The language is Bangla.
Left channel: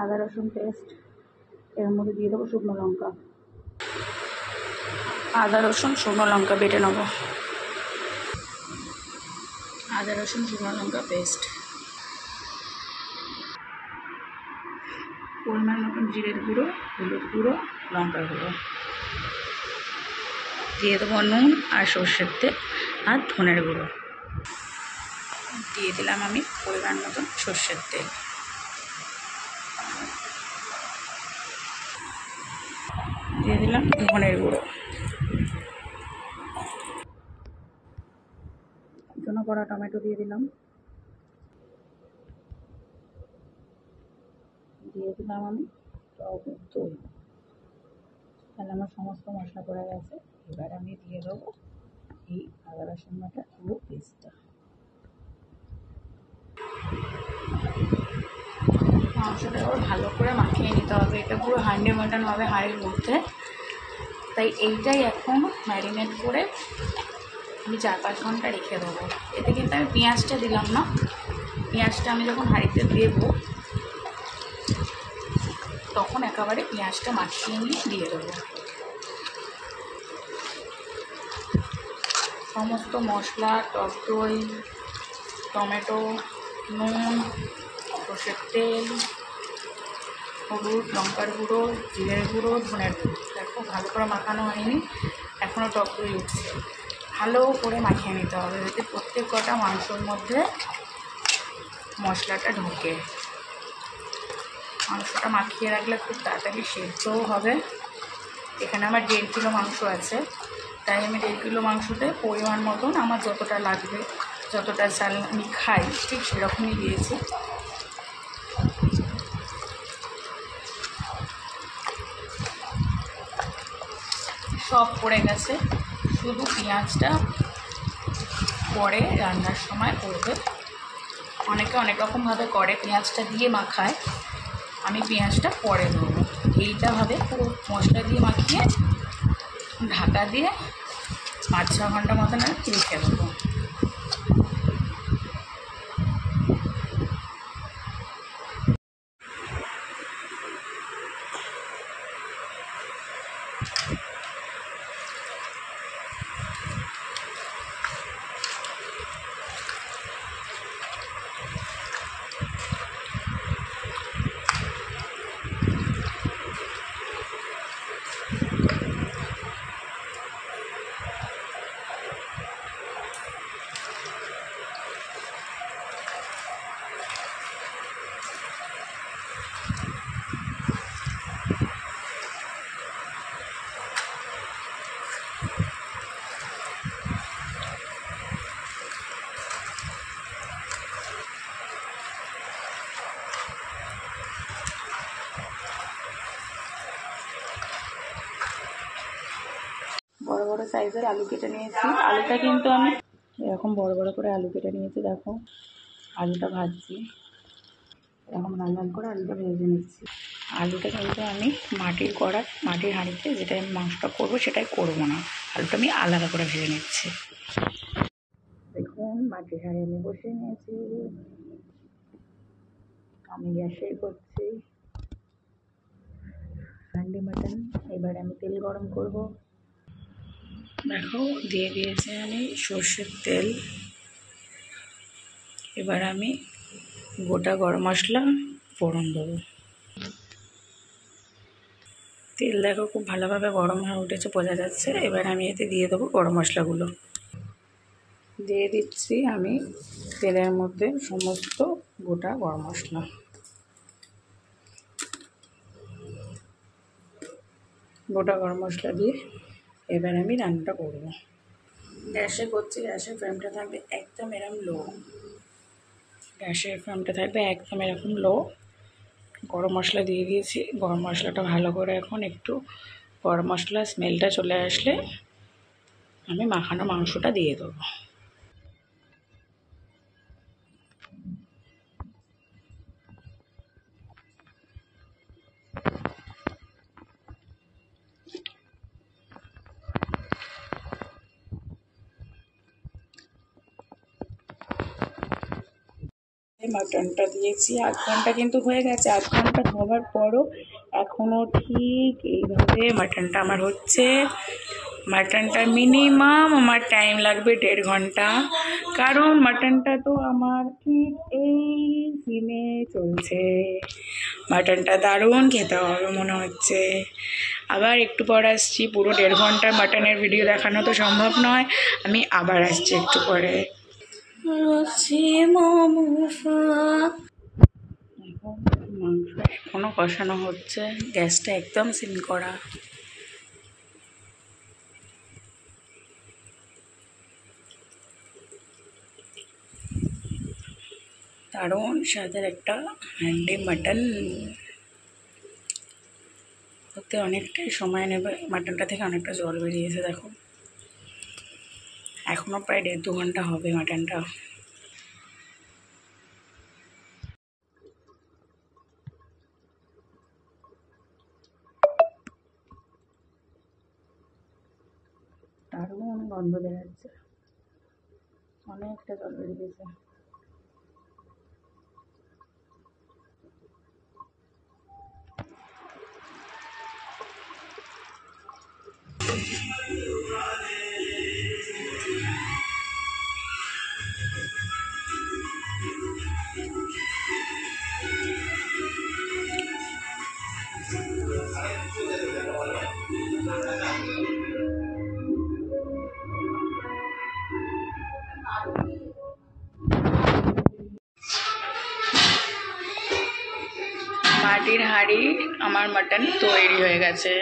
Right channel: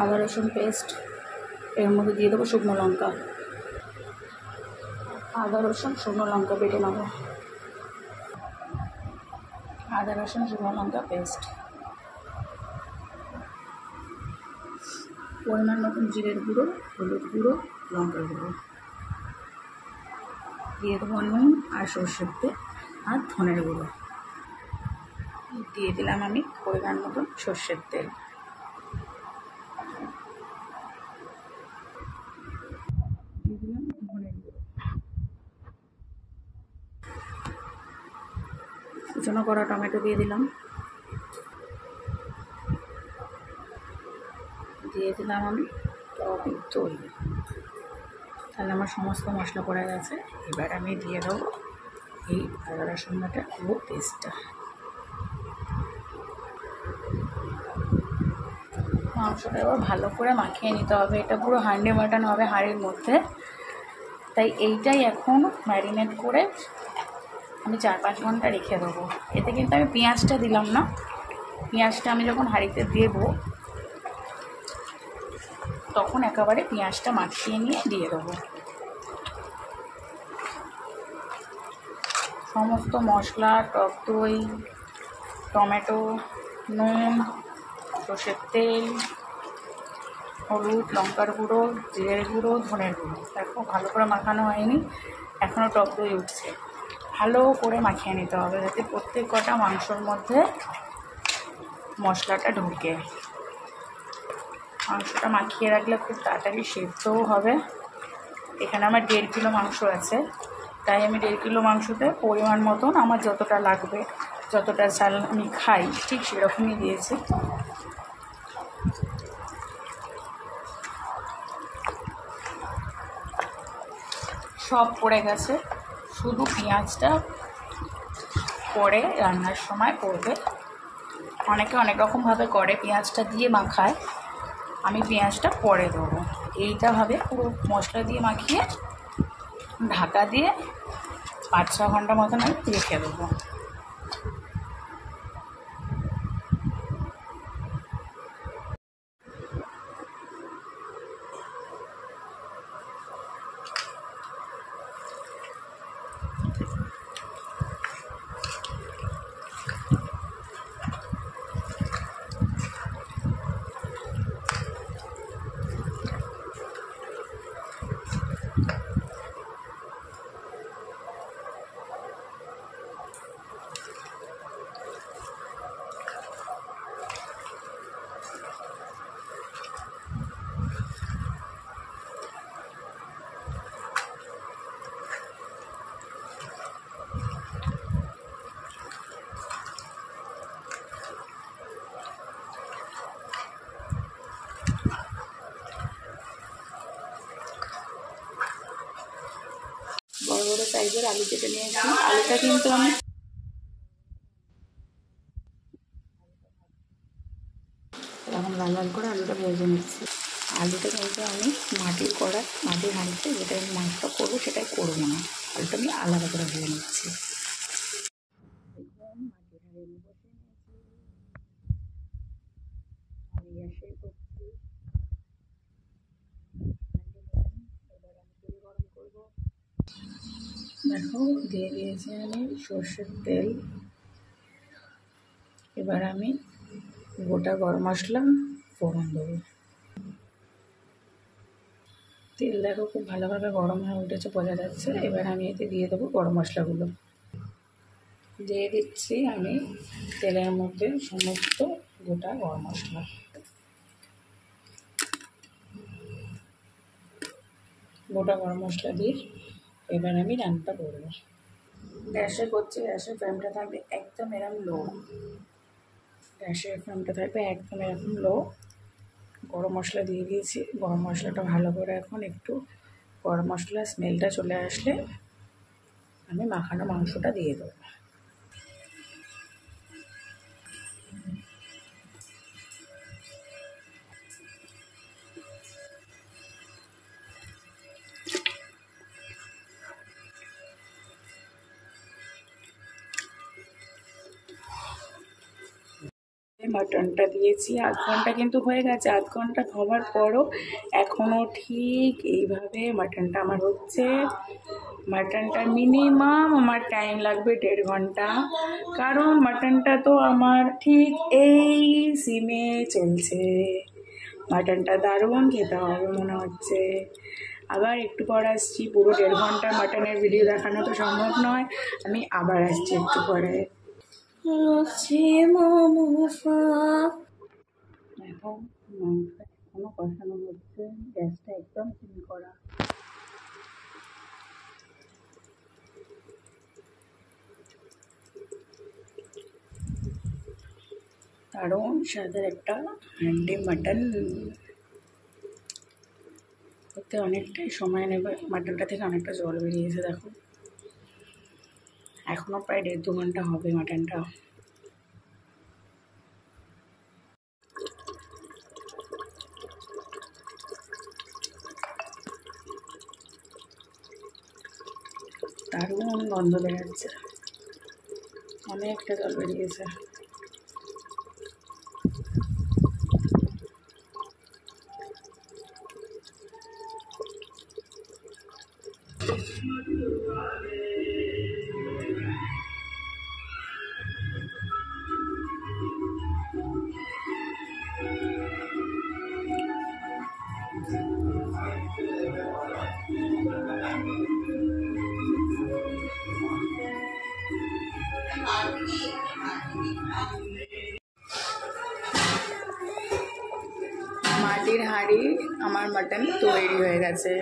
আদা রসুন পেস্ট, এর মধ্যে দিয়ে দেবো শুকনো লঙ্কা। আদা রসুন শুকনো লঙ্কা বেটে নেবো। আদা রসুন শুকনো লঙ্কা পেস্ট, পরিমাণ মতন জিরের গুঁড়ো, হলুদ গুঁড়ো, লঙ্কার গুঁড়ো, দিয়ে দেবো নুন আর সর্ষের তেল আর ধনের গুঁড়ো, দিয়ে দিলাম আমি পরিমাণ মতন সর্ষের তেল, দিয়ে দিলাম ধনের গুঁড়ো, কুচনো করা টমেটো দিয়ে দিলাম, দিয়ে দিলাম আমি টক দই। তাহলে আমার সমস্ত মশলা পড়ে গেছে। এবার আমি দিয়ে দেবো এই আদা রসুন বাটা পুরো পেস্টটা। মাংসটা এবার ভালো করে মাখিয়ে নিতে হবে। এটা পুরো হান্ডি মাটন হবে হাঁড়ির মধ্যে, তাই এইটাই এখন ম্যারিনেট করে আমি 4-5 ঘন্টা রেখে দেবো। এতে কিন্তু আমি পেঁয়াজটা দিলাম না, পেঁয়াজটা আমি যখন হাঁড়িতে দেবো তখন একেবারে পেঁয়াজটা মাখিয়ে নিয়ে দিয়ে দেবো। সমস্ত মশলা, টক দই, টমেটো, নুন, সর্ষের তেল, হলুদ, লঙ্কার গুঁড়ো, জিরের গুঁড়ো, ধনের গুঁড়ো, দেখো ভালো করে মাখানো হয়নি, এখনও টক দই উঠছে। ভালো করে মাখিয়ে নিতে হবে যাতে প্রত্যেক কটা মাংসর মধ্যে মশলাটা ঢোকে। মাংসটা মাখিয়ে রাখলে খুব তাড়াতাড়ি সেদ্ধও হবে। এখানে আমার 1.5 কিলো মাংস আছে, তাই আমি 1.5 কিলো মাংসতে পরিমাণ মতন আমার যতটা লাগবে, যতটা চাল আমি খাই ঠিক সেরকমই দিয়েছি। সব পড়ে গেছে, শুধু পেঁয়াজটা পরে রান্নার সময় করবে। অনেকে অনেক রকমভাবে করে, পেঁয়াজটা দিয়ে মাখায়, আমি পেঁয়াজটা পরে দেবো। এইটাভাবে পুরো মশলা দিয়ে মাখিয়ে ঢাকা দিয়ে 5-6 ঘন্টা মতন আমি রেখে দেবো। বড় বড় সাইজের আলু কেটে নিয়েছি। আলুটা কিন্তু আমি এরকম বড় বড় করে আলু কেটে নিয়েছি। দেখো আলুটা ভাজছি, এরকম লাল লাল করে আলুটা ভেজে নিচ্ছি। আলুটা কিন্তু আমি মাটির কড়াই, মাটির হাঁড়িতে যেটা আমি মাংসটা করবো সেটাই করবো না, আলুটা আমি আলাদা করে ভেজে নিচ্ছি। দেখুন মাটির হাঁড়ি আমি বসিয়ে নিয়েছি, আমি গ্যাসেই করছি হান্ডি মাটন। এবার আমি তেল গরম করব। দেখো দিয়ে দিয়েছি আমি সর্ষের তেল। এবার আমি গোটা গরম মশলা ফোড়ন দেবো। তেল দেখো খুব ভালোভাবে গরম হয়ে উঠেছে, বোঝা যাচ্ছে। এবার আমি এতে দিয়ে দেবো গরম মশলাগুলো। দিয়ে দিচ্ছি আমি তেলের মধ্যে সমস্ত গোটা গরম মশলা। গোটা গরম মশলা দিয়ে এবার আমি রান্নাটা করব। গ্যাসে করছি, গ্যাসের ফ্লেমটা থাকবে একদম এরকম লো, গ্যাসের ফ্লেমটা থাকবে একদম এরকম লো। গরম মশলা দিয়ে দিয়েছি। গরম মশলাটা ভালো করে এখন একটু গরম মশলার স্মেলটা চলে আসলে আমি মাখানো মাংসটা দিয়ে দেবো। মাটনটা দিয়েছি, আধ ঘন্টা কিন্তু হয়ে গেছে। আধ ঘন্টা হওয়ার পরও এখনও ঠিক এইভাবে মাটনটা আমার হচ্ছে। মাটনটা মিনিমাম আমার টাইম লাগবে 1.5 ঘন্টা, কারণ মাটনটা তো আমার ঠিক এই সিমে চলছে। মাটনটা দারুণ খেতে হবে মনে হচ্ছে। আবার একটু পর আসছি, পুরো 1.5 ঘন্টার মাটনের ভিডিও দেখানো তো সম্ভব নয়, আমি আবার আসছি একটু পরে। দেখো মাংস এখনও কষানো হচ্ছে, গ্যাসটা একদম সিম করা। দারুণ স্বাদের একটা হ্যান্ডি মাটন। করতে অনেকটাই সময় নেবে, মাটনটা থেকে অনেকটা জল বেরিয়েছে দেখো। এখনও প্রায় 1.5-2 ঘন্টা হবে মাটনটা। দারুণ গন্ধ বেরোচ্ছে, অনেকটা জল বেরিয়েছে। মাটির হাঁড়ি আমার মাটন তৈরি হয়ে গেছে।